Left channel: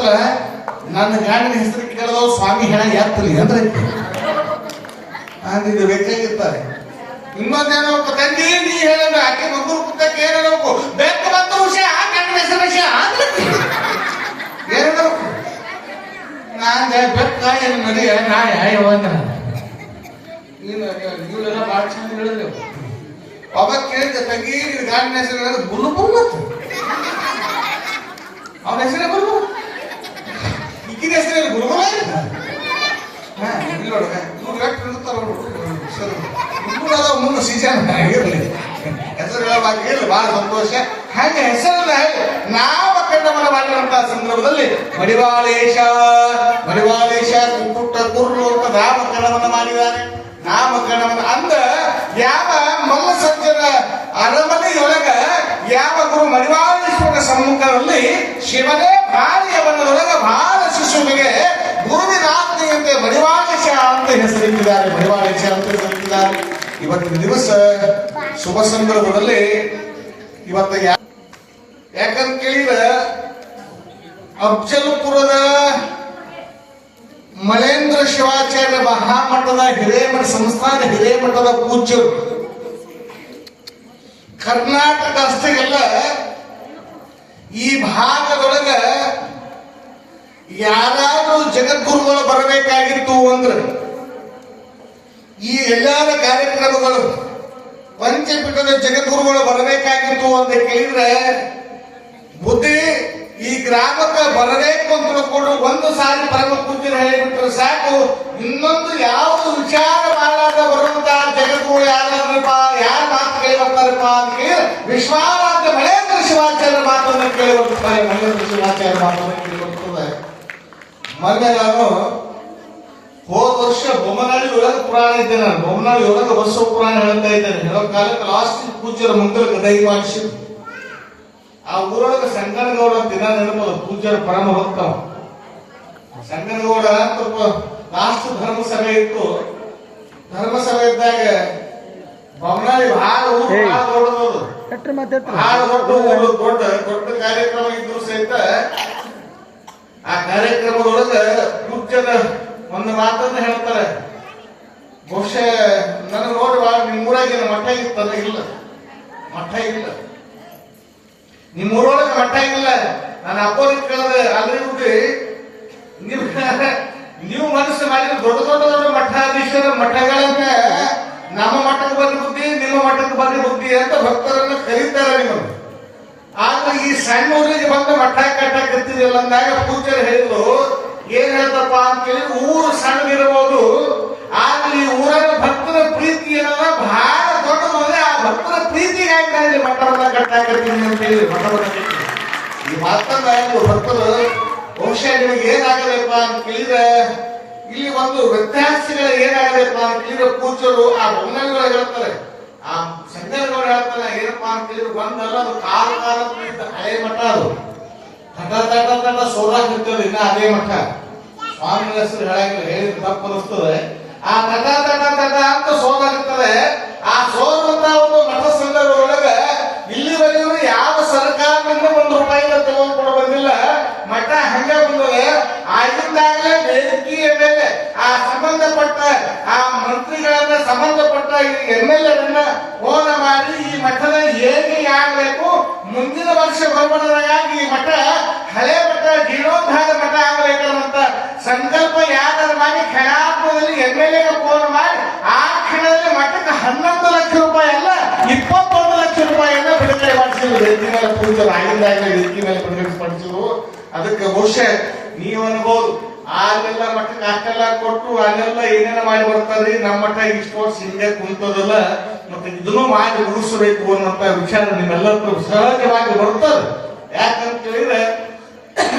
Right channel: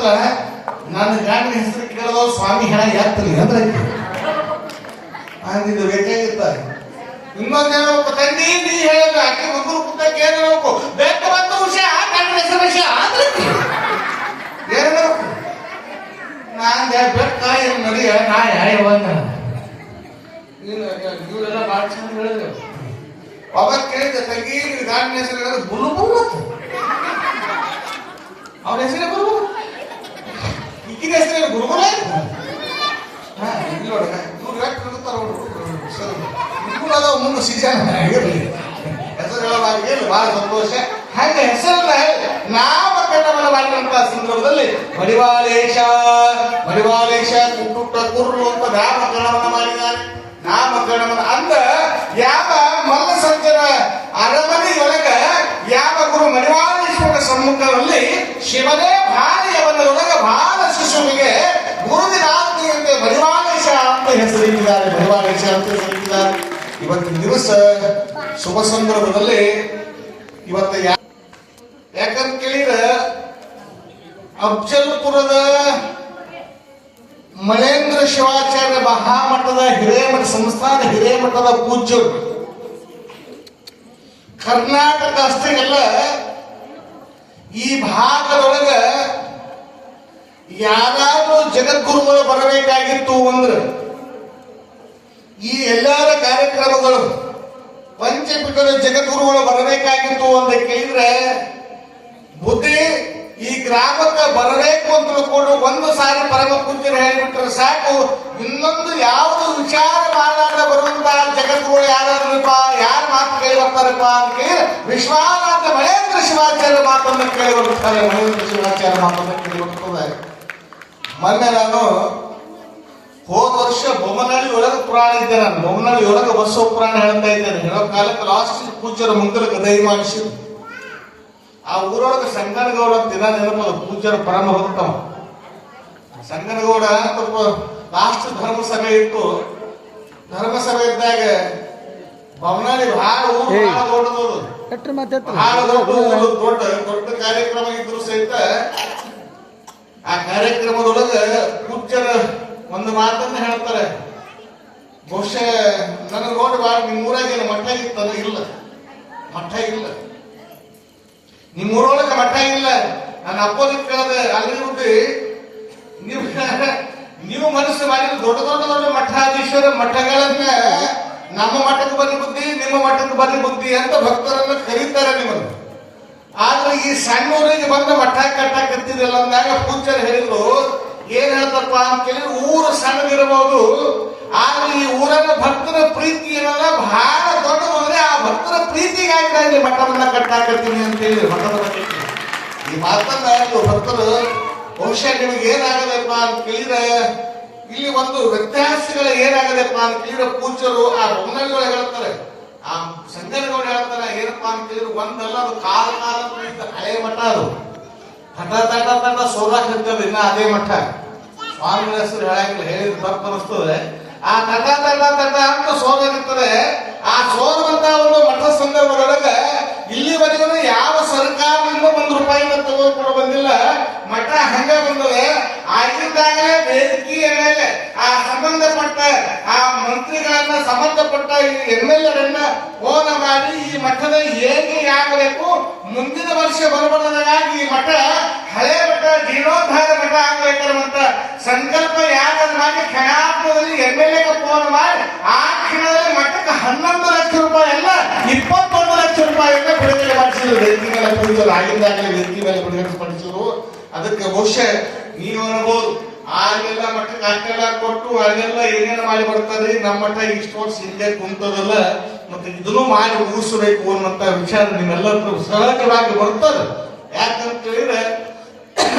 ಮಾಡ್ತಾಳ, ನನ್ನ ಗಂಡನ ಹೆಸರು ಕೇಳದೋ ಸ್ವಾಮಿ ಹೆಣ ಎತ್ತಲಿ ಅಂದ್ರೆ ಅಂದಿದ್ದು ಬೇಕಾಗಿರ್ತಾರೆ. ಇನ್ನೊಂದೇನೋ ತಂದಿ ನೀ ಹೇಳಿದ ಆಕೆ ಮಗು ಕುಟ್ಟಕ್ಕೆ ಏನೇನೋ ಬೇಕು ಬಂದ ವಿಷಯ ಗಂಡನ ಹೆಸರು ವಿಷಯ ಏನೇನೋ ನಾನ್ ಬೆಟ್ಟ ಏನು ನಡಿ ನಾ ಯಾವಂದ ನೀವೆಲ್ಲ ಭಾಳ ಚಂದ ಹೇಳಿದೆ. ಅವಾಗ ಕೇಳಿದೆ ತಂಗಿ ನಿನ್ ಗಂಡನ ಹೆಸರು ಹೇಳಿದ್ರೆ ಬುಲ್ಲು ಬುಲ್ಲು ಅವನ ಹೆಸರೇ ಗುರು, ಈಗಿನ ಹೆಸರು ಗುರುಗಳ ಮುಂದೆ ಸೀಸನ್ ಇರಲಿ ಹೆಸರು ಹೇಳುವಾಗ ಬಹಳ ಸಂತೋಷ. ಹಾಗೆ ಹೆಸರನ್ನ ನಾಮಕರಣವನ್ನು ಮಾಡಿರುವಂತಹ ಸಂದರ್ಭದಲ್ಲಿ ಮಡಿವಾಳೇಶ ಪುಟ್ಟ ಕುರ್ರು ಅಂತ ನಾಮಕರಣವನ್ನು ಮಾಡಿದ್ದಾನೆ. ನಾಮಕರಣವನ್ನು ಅಂದ ಯಾವ ಮಲ್ಲಸಂಜನ ಅರಮನೆಯೊಳಗ ಯಾವ ಗುರು ಮಡಿವಾಳೇಶ್ವರನ ಸಮ್ಮುಖದಲ್ಲಿ ಶಿವನೇ ಭಾರಿ ಅವನೊಳಗ ಬಾಲ ಶಿಶುವಿಗೆ ಗುರುವಿನ ಆಜ್ಞೆಯಂತೆ ಮಡಿವಾಳೇಶ ಅಂತ ಹೆಸರಿಟ್ಟಿದ್ದಾರೆ. ಮಡಿವಾಳೇಶ ಅಂತ ಹೆಸರಿಟ್ಟಿದ್ದಾರೆ. ಇವತ್ತಿನ ದಿವಸ ಶುಭ ಸಂದರ್ಭದಲ್ಲಿ ಇವತ್ತ ಯಾಕಂತ ಕೇಳಿದ್ರೆ ಅಫ್ಜಲ್ಪುರದ ಮಳೇಂದ್ರ ಶಿವಾಚಾರ್ಯ ಮಹಾಮಠದ ಹಿರೇಮಠ ಸಂಸ್ಥಾನ ಹಿರೇಮಠದ ಪೂಜ್ಯರು ಕರ್ನಾಟಕ ಅಷ್ಟೇ ಅಲ್ಲ ಈ ಭಾಗದೊಳಗ ಯಾರಾದ್ರೂ ಜಗದ್ಗುರುಗಳು ಬರಬೇಕಾಗಿತ್ತು ಅಂದ್ರೆ ಈ ಎಲ್ಲರ ಕಾರ್ಯಕ್ರಮಗಳು ಪಂಚಪೀಠದ ಜಗದ್ಗುರುಗಳು ಬರಬೇಕಾಗಿತ್ತು ಅಂತ ಕೇಳಿದ್ರೆ ಬುದ್ಧಿ ಈ ಗ್ರಾಮಕ್ಕೆ ಬರಬೇಕು ಅಂತ ತಿಳ್ಕೊಂಡು ಒಂದು ಸಾರಿ ಪರಮ ಪೂಜ್ಯರು ಹೇಳಿಬಿಟ್ರೆ ಸಾಕು. ಇನ್ನೊಂದು ಯಾವುದು ವಿಚಾರ ಮಾಡಲಾರ್ದ ಬರುವಂತಹ ಜಗದ್ಗುರು ಯಾರಾದ್ರಪ್ಪ, ಯಾರ ಮಾತು ಕೇಳಿ ಬರ್ತಾರಪ್ಪ ಅಂತ ಕೇಳಿ ವಿಶ್ವಾರಾಧ್ಯ ಮಳೇಂದ್ರ ಶಿವಾಚಾರ್ಯ ಮಾತನ್ನು ಕೇಳಿ ಬರ್ತಾರೆ. ಮಳೇಂದ್ರ ಶಿವಾಚಾರ್ಯ ಮಾತನ್ನು ಕೇಳಿ ಬರ್ತದೆ. ಮೊನ್ನೆ ನಾನು ಹೋದ ವರ್ಷ ಬೊಮ್ಮನಹಳ್ಳಿ ಒಳಗೆ ಪುರಾಣ ಇದ್ದೆ. ನಾನು ಬೊಮ್ಮನಹಳ್ಳಿ ಒಳಗೆ ಬಸವ ಪುರಾಣ ಹೇಳ್ತಾ ಇದ್ದೇನೆ. ಹೇಳೋ ಕಾಲಕ್ಕೆ ಲಾಸ್ಟ್ ಪೂಜ್ಯರ ಮುಂಕರಿಗೆ ದಯ ಮಾಡಿಸಿ ಆ ಊರೊಳಗೆ ಸಂಗನಗೌಡ ಅಂತ ದಿನ ನೆನಪದ ಪೂಜ್ಯರ ಪರಮ ಭಕ್ತ ಸಂಗನಗೌಡ ಅಂತ ಲಾಸ್ಟ್ ಧರ್ಮ ಸಭೆ ಇತ್ತು. ಧರ್ಮ ಸಭೆ ಇದ್ದಾಗ ಬೊಮ್ಮನಹಳ್ಳಿ ಬಹಳ ಓಡೋದು ದೊಡ್ಡ ಕಾರ್ಯಕ್ರಮ ಇದ್ರು ಸಹಿತ ಆ ಕಾರ್ಯಕ್ರಮದೊಳಗೆ ಪೂಜ್ಯರ ಒಂದು ಮಾತನ್ನ ಹೇಳ್ತಾರೆ. ಬಹುಶಃ ನನಗೆ ನೋಡುವ ನಿಮ್ಮೂರಾಗ ಮಠ ಇತ್ತಲ್ಲ, ಇಲ್ಲ ಮಠ ಇಲ್ಲ, ನಿಮ್ಮೂರೊಳಗೆ ಮಠ ಇಲ್ಲ. ನನ್ನ ಅಪ್ಪನಿಗೆ ಕೇಳದೆ ಅಲ್ರಿ ನೀವು ಮನಸ್ಸು ಮಾಡಿದ ದೊಡ್ಡ ಮಠಾಧೀಶರ ಮಠಗಳನ್ನ ನಮ್ಮ ಮಠಕ್ಕೆ ಬಂದ ಬುದ್ಧಿ, ನಿಮ್ಮ ಮಠಕ್ಕೆ ಬಂದ ಬುದ್ಧಿ ಅಂತ ಭಕ್ತರನ್ನ ಕರೀತಾರೆ ನಿಮ್ಮನ್ನು. ಆದ್ರೆ ಈ ಸಣ್ಣ ಊರಿಗೆ ಬಂದ ಮಠ ಕಟ್ಟಕತ್ತಿದಿಲ್ಲ ಅಂದಾಗ ಪೂಜ್ಯರು ಹೇಳಿದ್ರು ಏನ್ ಹೇಳ್ತಪ್ಪ ಅಂತ ಕೇಳಿದ್ರೆ ಊರು ಸಣ್ಣದಿರಬಹುದು, ಆದ್ರೆ ಈ ಊರನ್ನ ಭಕ್ತರ ಪ್ರೀತಿ ಏನಲ್ಲ ಬಹಳ ದೊಡ್ಡದಂದ್ರೆ ಆ ಭಕ್ತರ ಪ್ರೀತಿಗಾಗಿ ಮಠವನ್ನ ಕಟ್ಟಾಕತ್ತೀನಿ ಅಂತ ಹೇಳಿ ಮಠವನ್ನ ಕಟ್ಟಿ ಈ ಮಾತನ್ನ ಭಕ್ತರು ಬಹುಶಃ ನಿಮಗೆ ಏನಾಗಬೇಕಪ್ಪ ಅಂತ ಕೇಳಿದ್ರೆ ಇಲ್ಲಿ ಒಂದು ವ್ಯತ್ಯಾಸಗಳ ಏನಾಗಬೇಕಪ್ಪ ಅಂತ ಕೇಳಿದ್ರೆ ಪೂಜ್ಯರು ಆ ಬೊಮ್ಮನಹಳ್ಳಿಗಳು ಹೇಳ್ತಾರೆ, ಆ ಸಂಗನಗೌಡ ಹೇಳ್ತಾರೆ ಏನಪ್ಪಾ ಅಂತ ಕೇಳಿದ್ರೆ ಒಂದಲ್ಲ ಅದು ಕಾಲ ಹಳೆ ಮಠ, ಅದು ತಟ ಸೋದಾಕಿರ್ತದೆ ಇನ್ನ ಅದೇ ಮಠ. ಸ್ವಾಮಿ ಹೆಸರು ಹೇಳಂಗಿಲ್ಲ, ಹೇಳಿದ್ರೆ ತಪ್ಪು ಅನಿಸ್ತದೆ. ಆ ತಟ ಅಂತ ಸೋದಾಗಿರ್ತದೆ. ಆ ಸೋರುವಂತ ಒಂದು ಮಠ ಸಂದರ್ಭದೊಳಗೆ ಇಲ್ಲಿವರೆಗೂ ಯಾವ ಸರ್ಕಾರದಿಂದ ₹1 ತಗೊಂಡ್ಕೊಂಡು ಬಂದಿಲ್ಲ. ಮಠ ಹಂಗ ಬಂದದೆ. ಆಗಿದ್ದಾಗಲೇ ವೇದಿಕೆಯ ಮೇಲೆ ಆ ಸಂಬಂಧಪಟ್ಟ ಆ ಮಂತ್ರಿಗಳನ್ನ ಸಂಬಂಧಪಟ್ಟ MLA ಫೋನ್ ಮಾಡಿ ಈ ಮಠದ ಏನಿಗೆ ಆಗಬೇಕು, ಮುಂದಿನ ವರ್ಷ ಬರಬಾರದಾಗಿ ಈ ಮಠ ಹಳೆ ಮಠ ಜೀರ್ಣೋದ್ಧಾರ ಮಠ ಆಗಬೇಕನ್ನುವಂತ ಸಂಕಲ್ಪ ಯಾರು ಮಾಡಿ ಕ್ಷಣಾರ್ಧದಲ್ಲಿ MLA ಫೋನ್ ಮಾಡಿ ಆ ಕ್ಷಣದಲ್ಲಿ ಮಠಕ್ಕೆ ₹11 ಲಕ್ಷ ಅಲ್ಲ ₹21 ಲಕ್ಷ ಬಿಡುಗಡೆ ಮಾಡಿಸಿದ್ರು. ವೇದಿಕೆ ಮೇಲೆ ಪೂಜೆಗಳು ಆಗಿದ್ದಾಗಲೇ ವೇದಿಕೆ ಮೇಲೆ ಬಿಡುಗಡೆ ಮಾಡಿಸಿದ್ರು. ಅದಕ್ಕೆ ಬಹುಶಃ ನೀವು ಅನ್ಬೋದು ಅಲ್ಲೆಲ್ಲ ಮಠಕ್ಕೆ ಅಷ್ಟೆಲ್ಲ ಕೊಟ್ಟು ಅಲ್ಲೆಲ್ಲ ಏನೇನು ಮಾಡಿ ಬರ್ತಾರ್ರಿ, ನಮ್ಮ ಮಠ ಇಷ್ಟು ವರ್ಷ ಹಿಂದೆ ಕುಂತದಲ್ಲ, ಮತ್ತೆ ಇದನ್ನು ಮಾಡಿ ಮುಗಿಸಬೇಕು ಅನ್ನುವಂತ ವಿಚಾರ ನಿಮ್ಮೆಲ್ಲರೂ ಸಹಜವಾಗಿ ಬರ್ತಾರೆ. ಯಾಕಂತ ಹೇಳಿದ್ರೆ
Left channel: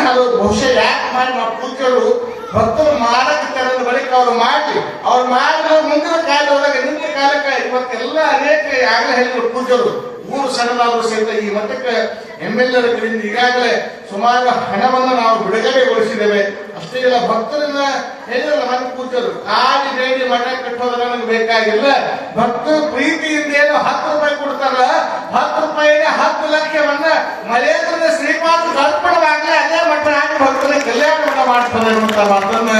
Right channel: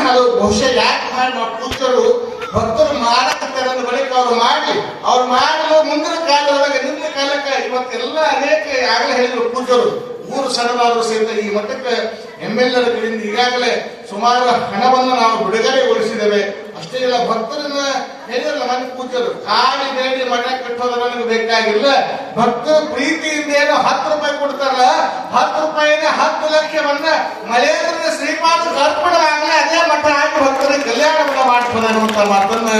ಅದು ಬಹುಶಃ ಯಾಕೆ ಮಾಡಿ ಪೂಜೆಗಳು ಭಕ್ತರು ಮಾಡಕ್ಕೆ ಬಳಿಕ ಅವ್ರು ಮಾಡಲು ಮುಂದಿನ ಕಾಲದಾಗ ನಿಂತ ಕಾಲಕ್ಕೆ ಇವತ್ತೆಲ್ಲ ಅನೇಕ ಆಗಲೇ ಹೇಳಿದ್ರು ಪೂಜೆರು ಊರು ಸಣ್ಣವಾದರೂ ಸಹಿತ ಈ ಮಠಕ್ಕೆ MLAಗಳಿಂದ ಈಗಾಗಲೇ ಸುಮಾರು ಹಣವನ್ನು ನಾವು ಬಿಡುಗಡೆಗೊಳಿಸಿದ್ದೇವೆ. ಅಷ್ಟೇ ಇಲ್ಲ, ಭಕ್ತರನ್ನ ಹೇಳಿದ್ರಲ್ಲ ಮನೆ ಪೂಜರು ಕಾಡಿ ಬೇಡಿ ಮಠ ಕಟ್ಟೋದು ನಮಗೆ ಬೇಕಾಗಿಲ್ಲ. ಭಕ್ತರ ಪ್ರೀತಿಯಿಂದ ಏನು ₹10 ಕೊಡ್ತಾರ, ₹10 10 ಲಕ್ಷವನ್ನ ಮಳೆಯಿಂದ ಶ್ರೀಪಾದ ಅರ್ಪಣವಾಗಲೇ ಅದೇ ಮಠ ಆಗಿ ಭಕ್ತರಿಗೆ ಆಗ್ತದೆ ಅನ್ನುವಂತ ಮಾತನ್ನ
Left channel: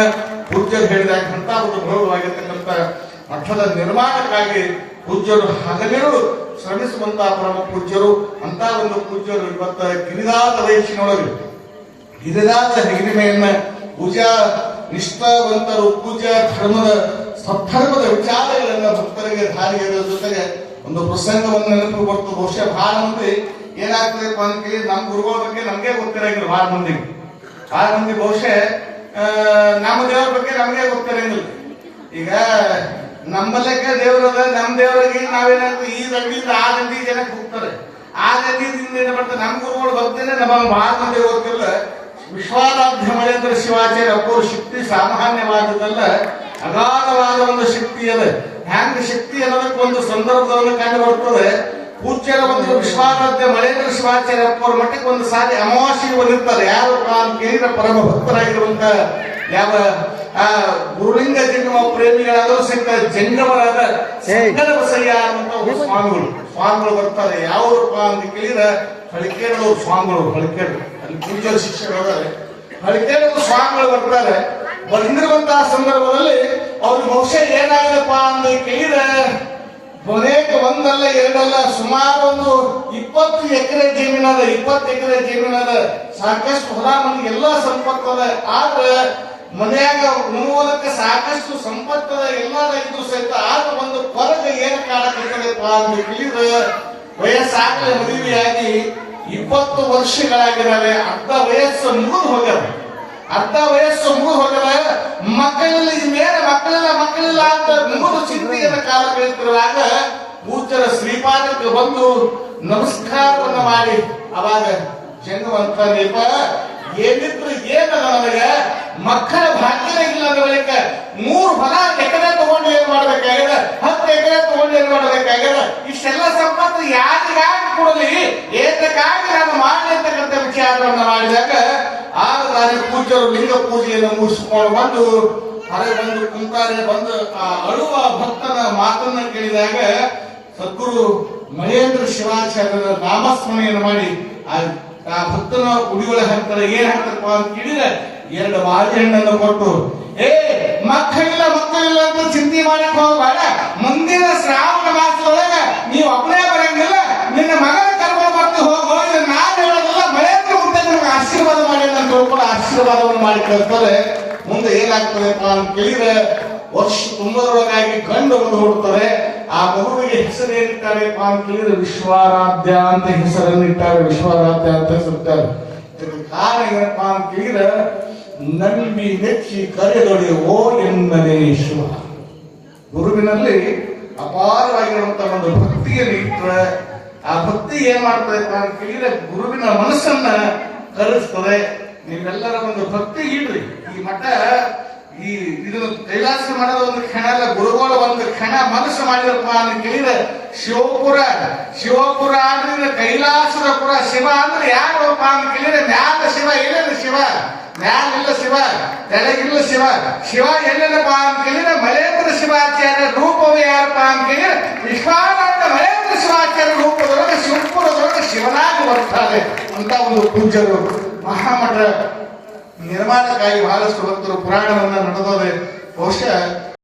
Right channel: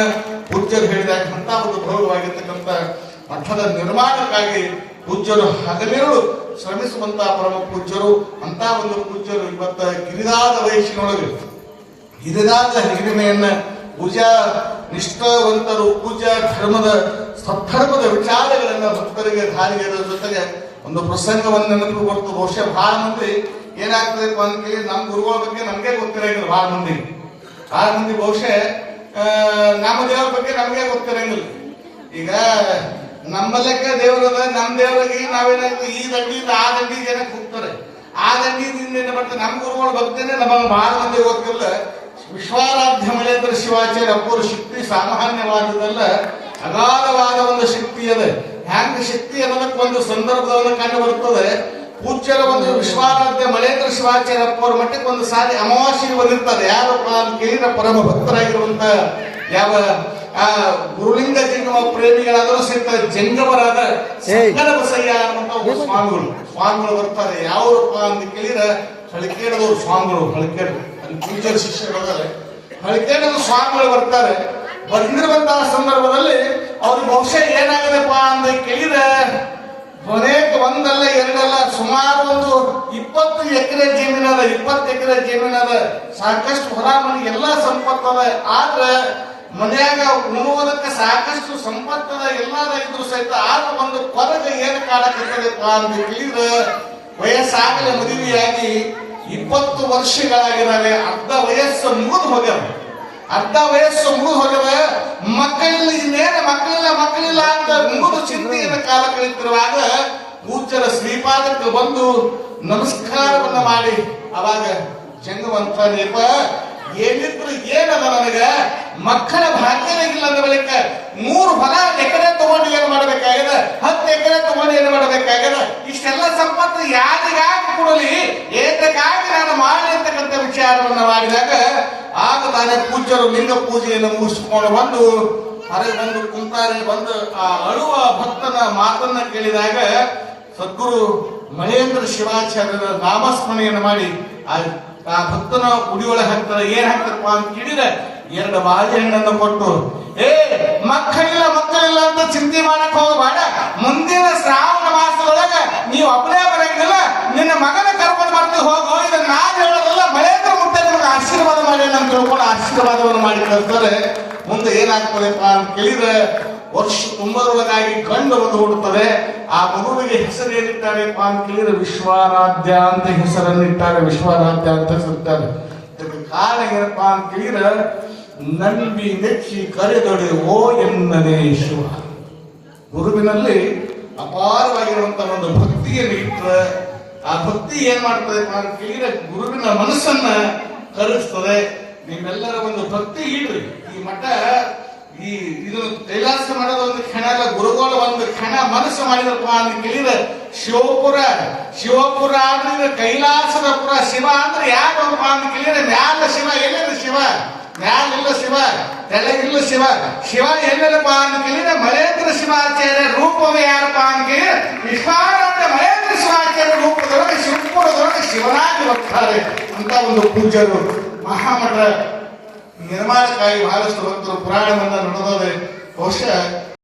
ಪೂಜ್ಯರು ಹೇಳಿದಾಗ ಅಂತ ಒಂದು ಭವ್ಯವಾಗಿರ್ತಕ್ಕಂಥ ಮಠದ ನಿರ್ಮಾಣಕ್ಕಾಗಿ ಪೂಜ್ಯರು ಹಗಲಿರುಳು ಶ್ರಮಿಸುವಂತಹ ಪರಮ ಪೂಜ್ಯರು ಅಂತ ಒಂದು ಪೂಜ್ಯರು ಇವತ್ತ ಗಿರಿದಾದ ವಯಸ್ಸಿನೊಳಗೆ ಗಿರಿದಾದ ಹಿರಿಮೆಯನ್ನ ಪೂಜಾ ನಿಷ್ಠಾವಂತರು ಪೂಜಾ ಧರ್ಮದ ಸದ್ಧರ್ಮದ ವಿಚಾರಗಳನ್ನ ಭಕ್ತರಿಗೆ ಧಾರಿಗೆ ಜೊತೆಗೆ ಒಂದು ಪ್ರಸಂಗವನ್ನು ನೆನಪು ಬರ್ತು. ಬಹುಶಃ ಬಹಳ ಮಂದಿ ಏನಾಗ್ತದೆ ಅಂತ ನಮ್ಮ ಗುರುಗಳ ಬಗ್ಗೆ ನಮ್ಗೆ ಗೊತ್ತಿರಂಗಿಲ್ಲ. ಬಹಳ ಮಂದಿ ಬಹುಶಃ ನಮ್ಮ ದೇವರ ಬಗ್ಗೆ ನಮ್ಗೆ ಗೊತ್ತಿರಂಗಿಲ್ಲ. ಈಗ ನಮ್ಮ ಲೆಕ್ಕ ದೇವರದ ನಮ್ಮ ದೇವರಿಗೆ ನಾವೇನಾದ್ರು ಈ ದಂಡಿಯಿಂದ ಆ ದಂಡಿಗೆ ಏನಕ್ಕೆ ಹೋಗ್ತಾರೆ, ಆ ದಂಡಿಯಿಂದ ಏನ್ ಮಾಡ್ತಾರೆ. ನಮ್ಮ ಗುರುಗಳು ಭಕ್ತೇನೆ ನಮ್ಮ ಬಹಳ ಮಂದಿ ಗೊತ್ತಿಲ್ಲ. ವಿಶ್ವಾರಾಧ್ಯ ಮಳೇಂದ್ರ ಶಿವಾಚಾರ್ಯ ಅಪ್ಪರು ಶಕ್ತಿ ಸಾಮಾನ್ಯವಾದದಲ್ಲ, ಅಗಾಧವಾದ ಒಂದು ಶಕ್ತಿ ಅದ. ಹ್ಯಾಂಗ ಶಕ್ತಿ ಅನ್ನೋದಕ್ಕೆ ಒಂದು ಸಂದರ್ಭದಲ್ಲಿ ಕಂಡು ಬರ್ತದೆ. ಪೂಜ್ಯರ ಒಂದು ವಿಶ್ವಾರಾಧ್ಯ ಮಳೇಂದ್ರ ಶಿವಾಚಾರ್ಯ ಅಪ್ಪರ ಮಟ್ಟಕ್ಕೆ ಒಂದು ಸಾರಿ ಅಮಾವಾಸ್ಯೆ ಬಂದಿರ್ತಾರೆ. ಯಾರು ಕೇಳಿದ ಪರಮ ಭಕ್ತರಾಗಿರುವಂತ ಯಾವ ಗುರುಲಿಂಗ ಜಂಗಮ ಪ್ರೇಮಿಗಳಾದರೂ ಸಹಿತ ಜಂಗಮರಾದ ಸಂಗನ ಬಸಯ್ಯ ಅನ್ನುವಂತ ಸ್ವಾಮಿಗಳು ಬರ್ತಾರೆ. ಯಾವ್ರಪ್ಪ ಅಂತ ಕೇಳಿದ್ರೆ ಹಳಿಕೇಡದವ್ರು ಸ್ವಾಮಿಗಳು. ಹಳಿಕೇಡು ಅಲ್ಲಿ ಪೂಜ್ಯರ ಶಿಷ್ಯರಿದ್ದಾರೆ. ಹಳಿಕೇಡದ ಸ್ವಾಮಿಗಳು ಬರ್ತಾರೆ. ಬಂದಿರುವಂತಹ ಸಂದರ್ಭದಲ್ಲಿ ಅವ್ರು ಬಹುಶಃ ಏನಾಗದಪ್ಪ ಅಂತ ಕೇಳಿದ್ರೆ ಕೊನೆಗೆ ಒಂದಲ್ಲ ಎರಡಲ್ಲ ಸುಮಾರು ಒಂದು 20 ಎಕರೆ ಜಮೀನದ 20 ಎಕರೆ ಜಮೀನದ ಸಾಕಷ್ಟು ಹೊರ ಮನೆಗೆ ಎಲ್ಲಾ ಸಂಪತ್ತದ. ಆದ್ರೆ ಮನೆಯಾಗ ಉಣ್ಣುವುದಕ್ಕೆ ಸಾಕಷ್ಟು ಸಂಪತ್ತದ ಎಲ್ಲಾದ್ರೂ ಸಹಿತ ಆಗ ಒಂದು ಕೊರಗ ಏನ್ ಕಾಣಕತ್ತದಪ್ಪ ಅಂತ ಕೇಳಿದ್ರೆ ವಯಸ್ಸಾಗಲೇ ಮದುವೆಯಾಗಿ 20 ವರ್ಷಗಳಾಗಿರಲೆ ಅರ್ಧ ವಯಸ್ಸು ಮುಗಿದು ಹೋಗ್ಯದ. ಮಕ್ಕಳಿಲ್ಲ ಇನ್ನೇನು ಮಕ್ಕಳಿಲ್ಲ ಅಂತ ಮುಗಿದು ಚಿಂತೆಯನ್ನು ಕಾಲ ಕಳೆಯುತ್ತಿರುವಾಗ ಪೂಜ್ಯರ ಶ್ರೀಪಾದಕ್ಕೆ ಬಂದು ನಮಸ್ಕಾರವನ್ನು ಮಾಡಿ ಅವಾಗ ಜಂಗವಂತ ನೇಪ ಏನಿದ್ರು ಏನಲ್ಲ ನನಗೆ ಮಕ್ಕಳ ಭಾಗ್ಯನೇ ಇಲ್ಲ ಅಂದ ಬಳಿಕ 3 ಹೊಲ ಎಕರೆ ತಗೊಂಡು ಏನ್ ಮಾಡ್ಬೇಕಾಗ್ಯದ, 10 ಎಕರೆ ತಗೊಂಡು ಏನ್ ಮಾಡ್ಬೇಕಾಗ್ಯದ, ಇಷ್ಟೆಲ್ಲ ಸಂಪತ್ತು ಯಾರಿಗಾಗಿ ಕೊಡಲಿ, ಏತಕ್ಕಾಗಿ ನಾನು ಮಾಡಿ ಅಂತಕ್ಕಂಥ ವಿಚಾರವನ್ನು ಮಾಡಿದಾಗ ಆಗ ನಾನು ಪೂಜ್ಯರು ಲಿಂಗ ಪೂಜೆಯನ್ನು ಮುಗಿಸ್ಕೊಂಡು ಬಂದು ಹೊರಗೆ ಬಂದು ಕುಂತಾರೆ. ಬಂದು ಆ ಅಳುವ ಭಕ್ತನ ಮಾತನ್ನ ಕೇಳಿದಾಗ ಸದ್ಗುರು ಮಹೇಂದ್ರ ಶಿವಾಚಾರ್ಯರ ನಾಮಸ್ಮರಣೆಯನ್ನು ಮಾಡಿ ಆ ಭಕ್ತನ ಉಡಿಯೊಳಗೆ ಹಾಕ್ತಾರೆ. ಏನ್ ಹಾಕ್ತಾರಪ್ಪ ಅಂತ ಕೇಳಿದ್ರೆ 2 ಬಾಳೆಹಣ್ಣನ್ನು ಕೊಟ್ಟು, ಮಕ್ಕಳಿಲ್ಲ ಅಂತ ಚಿಂತೆ ಮಾಡಕ್ ಹೋಗಬೇಡ, ಮುಂದಿನ ಶ್ರಾವಣ ಮಾಸದೊಳಗ ನೀವು ಒಬ್ಬನೇ ಬರಂಗಿಲ್ಲ, ನಿನ್ನ ಮಗನ ಕರ್ಕೊಂಡು ಬರ್ತೀವಿ ಹೋಗೋ, ಇದನ್ನ ನಾನು ಹೇಳೋದಲ್ಲ, ಮಹೇಂದ್ರ ಮುಂದೆ ನಿಮ್ಗೆ ಆಶೀರ್ವಾದ ಮಾಡಿ ಅಂತ ತಿಳ್ಕೊಂಡು ಆಶೀರ್ವಾದವನ್ನು ಮಾಡಿ ಕಳ್ತಾರೆ. ಮುಂದೆ ಏನಾಗ್ತದೆಪ್ಪ ಅಂತ ಕೇಳಿದ್ರೆ ವರ್ಷ ತುಂಬರೊಳಗಾಗಿ ಗಂಡು ಒಂದು ಹುಡುತ್ತಾರೆ. ಆ ಮಗುವಿಗೆ ಹೆಸರು ಏನಿಟ್ಟಾರೆಪ್ಪ ಅಂತ ಕೇಳಿದ್ರೆ ವಿಶ್ವಾರಾಧ್ಯ ಅಂತ ಹೆಸರನ್ನಿಟ್ಟಾರೆ. ವಿಶ್ವಾರಾಧ್ಯ ಅಂತ ಹೆಸರಿಟ್ಟಾರೆ. ಇದಕ್ಕೆ ಕಾರಣ ಏನಪ್ಪಾ ಅಂತ ಕೇಳಿದ್ರೆ ನಂಬಿ ನೆಚ್ಚಿ ಕರೆದೊಡೆ ಓ ಎನ್ನದೇ ಶಿವ. ಗುರುವಿನಲ್ಲಿ ಅಪಾರವಾಗಿರುವಂತಹ ಒಂದು ಭಕ್ತಿಯನ್ನು ಇಟ್ಟರೆ ಆ ಭಕ್ತಿ ಏನ್ ಮಾಡ್ತದೆಪ್ಪ ಅಂತ ಕೇಳಿದ್ರೆ ಗುರುವಿನ ಮನಸ್ಸನ್ನ ಕಲಿಸ್ತದೆ. ನಿಮ್ಮೆಲ್ಲರ ಒಂದು ಭಕ್ತಿ ಇಡ್ರಿ. ಈ ಮಠ ಇದನ್ನು ಕೈಲಾಸ ಮಾಡೋದು ಒಂದು ಕ್ಷಣ ಅಲ್ಲ, ಗುರುಗಳು ಒಂದು ಕ್ಷಣ ಮನಸ್ಸು ಮಾಡಿದಪ್ಪ ಅಂತ ಕೇಳಿದ್ರೆ ಶಿವಪುರ ಅಂದ್ರೆ ಕೈಲಾಸದ ಪುರ. ಶಿವ ಅಂದ್ರೆ ಯಾರಪ್ಪ ಅಂತ ಕೇಳಿದ್ರೆ ಮ್ಯಾಲ ಶಿವ, ಏನೇನು ಶಿವ, ಮ್ಯಾಲಿಲ್ಲ ಶಿವ, ತೆಳಗಿಲ್ಲ ಶಿವ. ಶಿವ ಎಲ್ಲೇನಪ್ಪ ಅಂತ ಕೇಳಿದ್ರೆ ಮಹೇಂದ್ರ ಶಿವಾಚಾರ್ಯ ರೂಪವೇ ಯಾರಪ್ಪ ಅಂತ ಕೇಳಿದ್ರೆ ವಿಶ್ವಾರಾಧ್ಯ ಮಹೇಂದ್ರ ಶಿವಾಚಾರ್ಯ ರೂಪದೊಳಗೆ ಶಿವಪುರದೊಳಗೆ ಶಿವನಾಗಿ ಬರ್ತಾರೆ ಅಂತ ಒಂದು ಪೂಜ್ಯರು. ಮಹಾಮಠ ನಿರ್ಮಾಣಕ್ಕಾಗಿ ಬಹಳಷ್ಟು ಭಕ್ತರು ಪುರಾಣವನ್ನ ನಡೆದೋದೆ. ಬಹುಶಃ